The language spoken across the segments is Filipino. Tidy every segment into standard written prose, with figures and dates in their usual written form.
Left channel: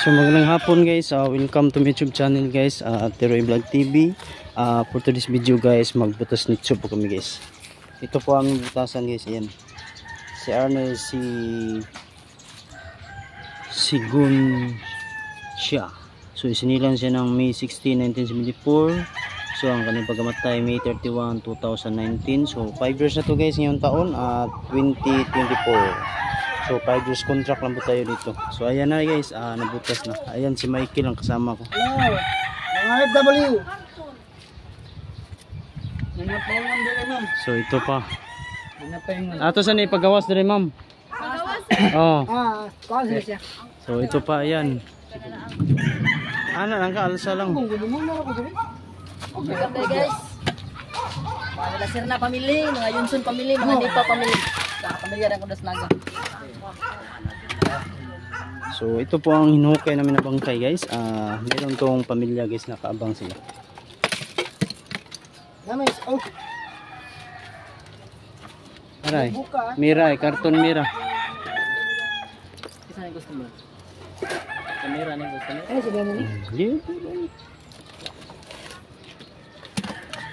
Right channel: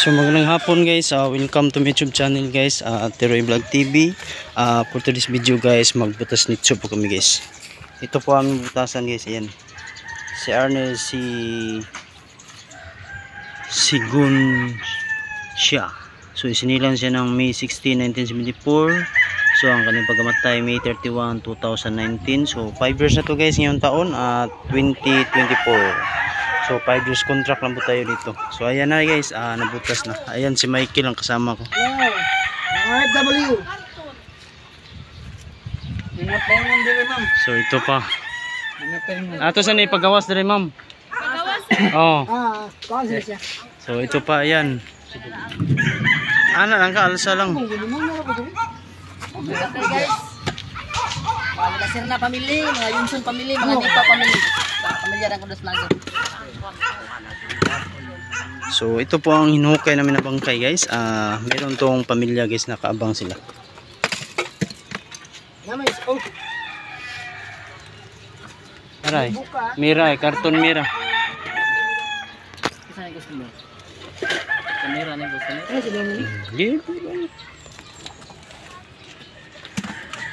So magandang hapon guys, welcome to my YouTube channel guys, Teroy Vlog TV. For today's video guys, magbutas nito po kami guys. Ito po ang butasan guys, ayan. Si Arnel, si Gun siya. So isinilang siya ng May 16, 1974. So ang kanyang pagkamatay May 31, 2019. So 5 years na to guys ngayong taon at 2024. So 5 years contract lang po tayo dito. So ayan na guys, nabutas na. Ayan si Michael ang kasama ko. Hello, mga FW. Nanapahingan din ma'am. So ito pa. Nanapahingan. Ato saan ipagawas dire ma'am? Pagawas? Oh. Kasi siya. So ito pa ayan. Ana lang ka, alsa lang. Okay guys. Mga Lasir na pamili, mga Yunsun pamili, mga Nipa pamili. Pamilya rin ko das lagi. So ito po ang hinukay namin na bangkay guys. Meron tong pamilya guys, nakaabang sila. Aray, Mira, karton Mira. Isa na gusto mo? Kamera na gusto mo?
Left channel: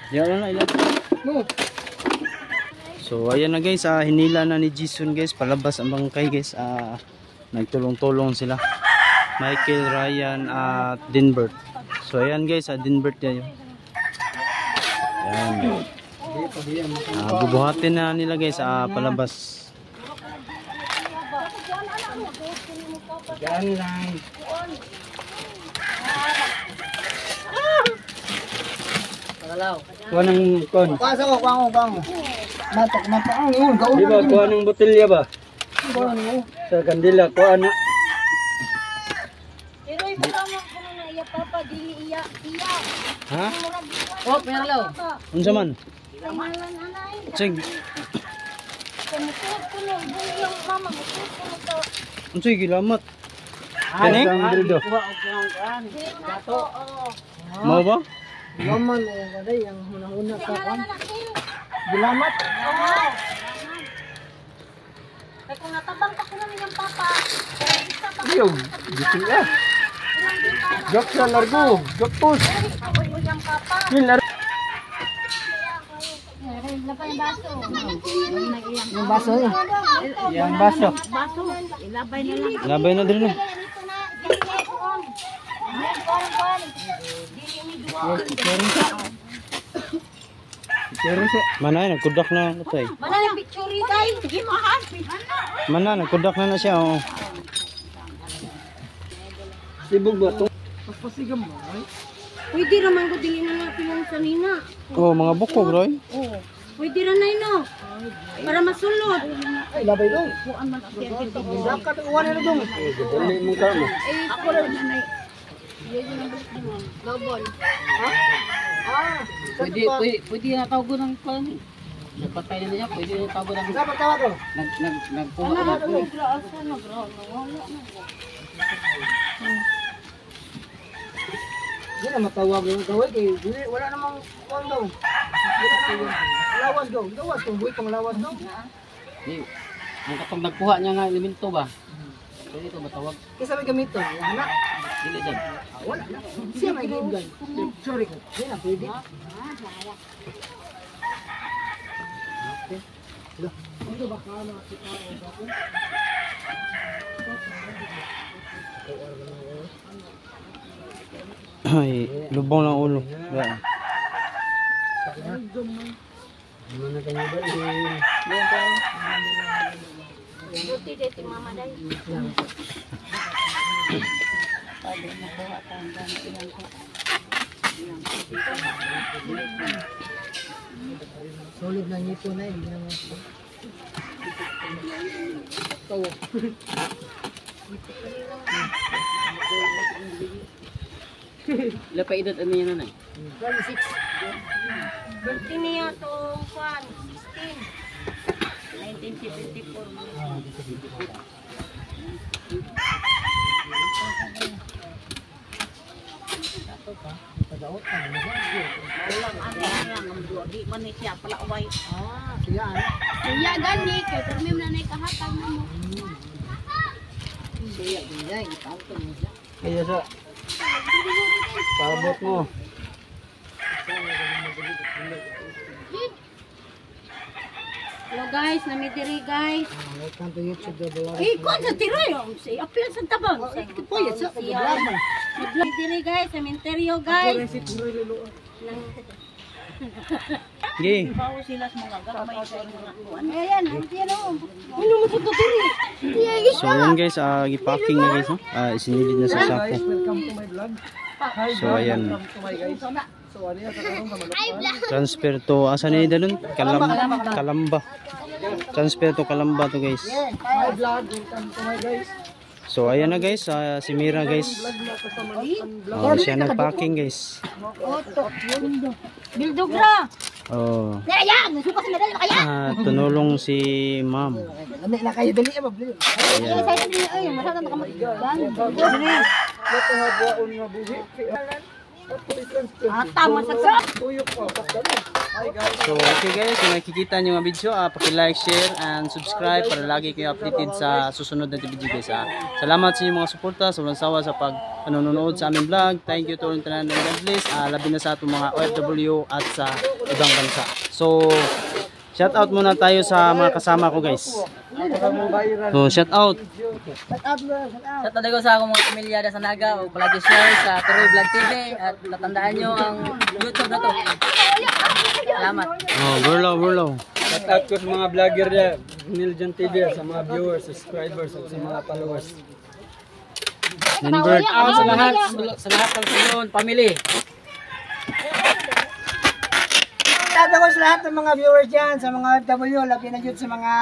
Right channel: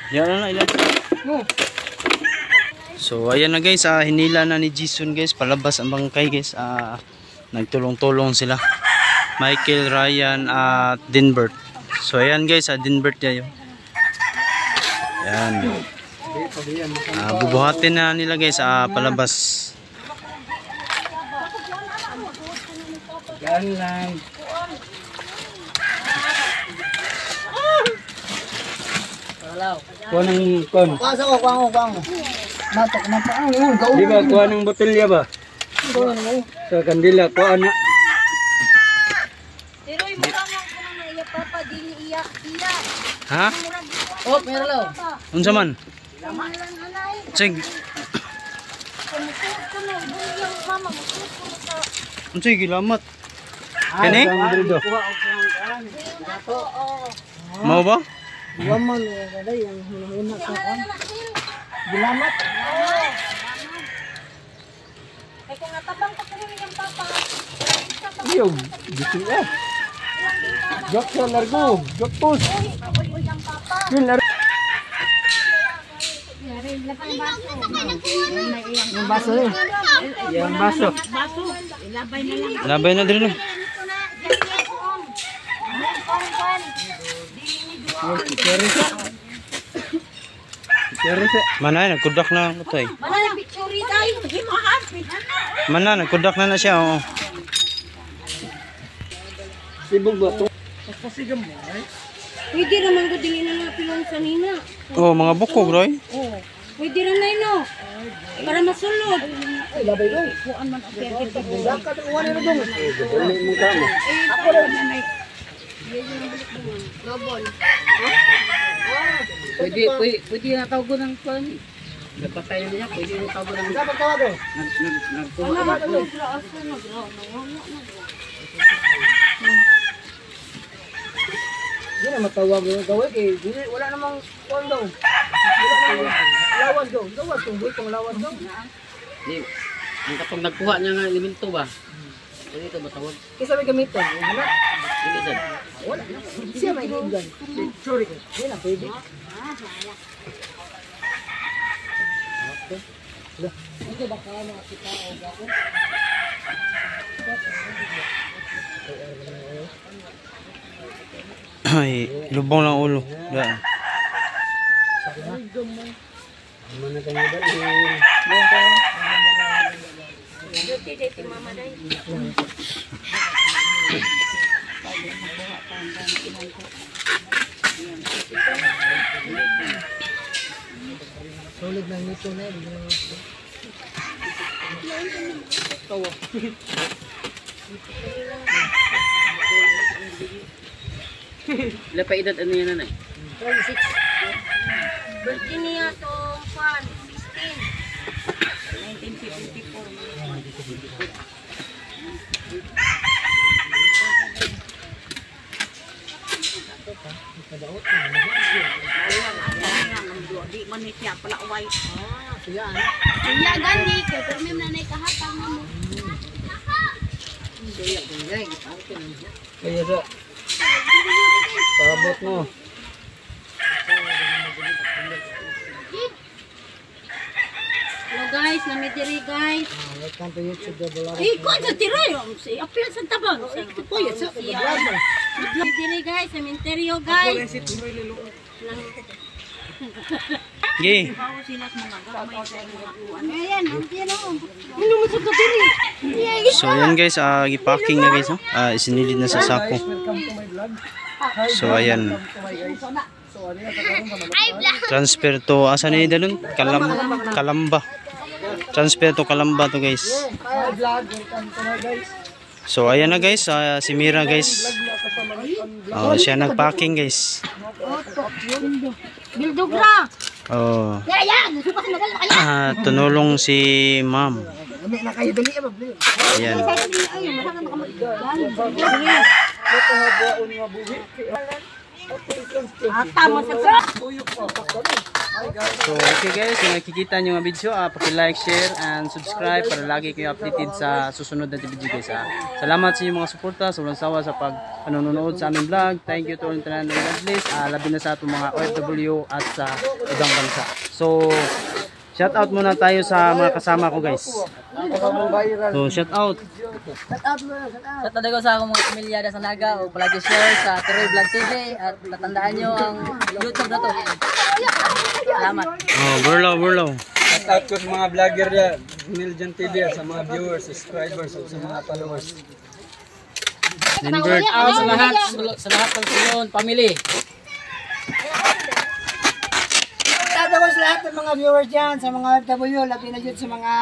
Yan na ilan. So ayan na guys, hinila na ni Jason guys, palabas ang bangkay guys. Nagtulong-tulong sila, Michael, Ryan at Dinbert. So ayan guys, Dinbert yan. Ayan. Bubuhatin na nila guys, palabas. Gaan lang. Pagalaw. Kuha ng kon. Pasa ko, kuwang. Matok, mapaang liwan. Di ba kuha ng botelya ba? Sa kandila, kuha na. Pero ibutangan ko na iya papa dili iya. Ha? Oh, meron law. Unsa man? Kamalan anay. Check. Kamutot ko na buliyang mama. Unsay gilamat? Kani? Sandrido. Mao ba? Waman gaday ang hunahuna sa kon. Gilamat. Kaya kung natabang pa ko namin yung papa. Iyo, bitin ya. Jok sa largo, jok pus. Yung papa. Hilar. Yung baso. Yang baso. Baso. Ilabay na lang. Labay na diri no. Manay nagkudak na ako tay. Mana yung picture tayo? Himahan. Mana nagkudak na siya oh. Sibog ba to? Pasigam mo ay. Pwede naman ko dili na nga pilong sanina. Oh, mga bukog roy. Oo. Pwede rin na no. Para masunod. Ay labay do. Kuan man apir dito. Dakat uwan na dong. Dali mo ka mo. Ako rin nanay. Lobol. Pwede na tawag ng kwan. Napatay na niya, pwede na tawag ng Dapat ka do. nagkuha na ko. Di na matawag yung gawin kay wala namang kuwan daw. Wala namang lawas daw. Lawas kung buhay pang lawas daw. Yung kapag nagkuha niya nga elemento ba? Pwede ito matawag. Kaya sabi gamiton, yung anak. Hindi saan. Wala na. Siya may gigan. Sorry ko. Hindi na pwede. Hindi ba kaya makita o gawin? Ay, lubong lang ulo. Daan. Mana kanya ba? Dito mama day. Solid na nito na. Hindi naman. Tawa. Ilan pa edad ano yan nanay? 26. Birthday niya tong kwan 16. Di man ni siya pala uway. Siya. Kuya gani kay permi na nay kahatag na mo. Kaya sa paabot mo. Hello guys, namidiri guys. Welcome to YouTube the vlog. Eh, kung sa tiroy, si apil sa tabang. Po, yun sa namidiri guys, cementerio guys. Okay. Bawo sila sa mga gamay sa mga kuwan. Ayan, nandiyan o. Ano mo sa tiri? So ayan guys, gipacking na guys, no? Isinilid na sa sako. So ayan. Transfer to asa ni dalon? Kalamba. Transfer to Kalamba to guys. So ayan na guys, si Mira guys. Oh, siya nagpacking guys. Bildugra. Oh. Yan, suka sa nadal kaya. Tunulong si Ma'am. Kami na kayo dali ba? Ayan. Ay, masana makamagdan. Tama sa ka. So okay guys, kung nakikita nyo ang video, paki-like, share, and subscribe para lagi kayo updated sa susunod na video guys. Salamat sa inyong mga suporta, sobrang sawa sa pag-nanonood sa aming vlog. Thank you to all tanan ng God bless, labi na sa atong mga OFW at sa ibang bansa. So shout out muna tayo sa mga kasama ko guys. So shout out. Sa tadago sa akong mga pamilya sa Naga o palagi share sa Tiroy Vlog TV at tatandaan nyo ang YouTube na to. Salamat. Oh, burlaw. Shout out ko sa mga vlogger dyan, Miljan TV, sa mga viewers, subscribers, at sa mga followers. Ninbert. Out sa lahat ng Sulon family. Shout out ko sa lahat ng mga viewers dyan, sa mga OFW, labi na dyan sa mga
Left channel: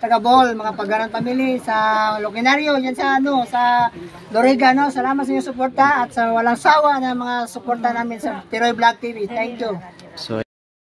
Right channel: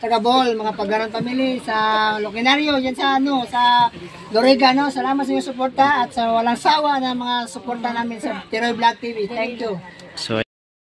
taga-ball, mga paggarang family, sa Loquinario, dyan sa sa Loriga, no? Salamat sa inyong suporta at sa walang sawa na mga suporta namin sa Tiroy Vlog TV. Thank you. So